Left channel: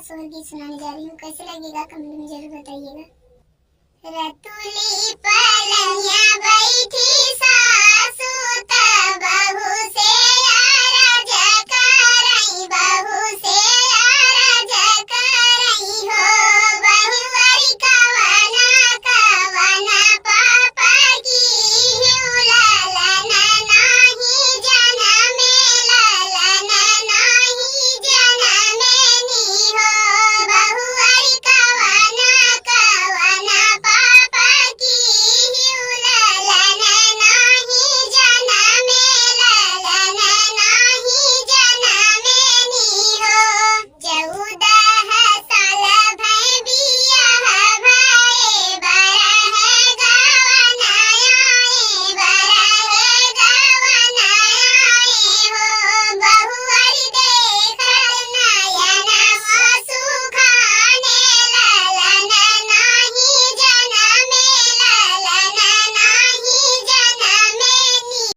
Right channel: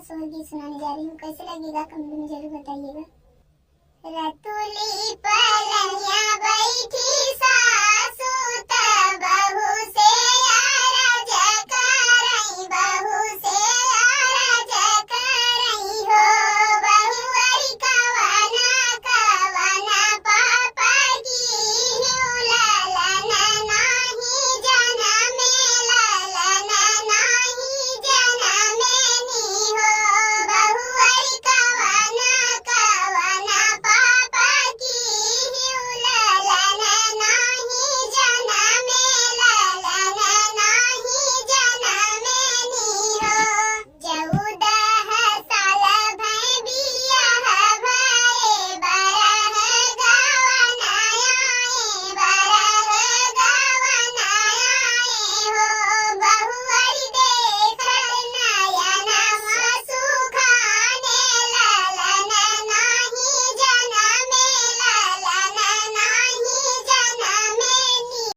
सोहर गीत सुनाने जा रही हूँ। कैसे लगेगा कमेंट में जरूर बताइएगा। रतुली पलनिया बैठी सा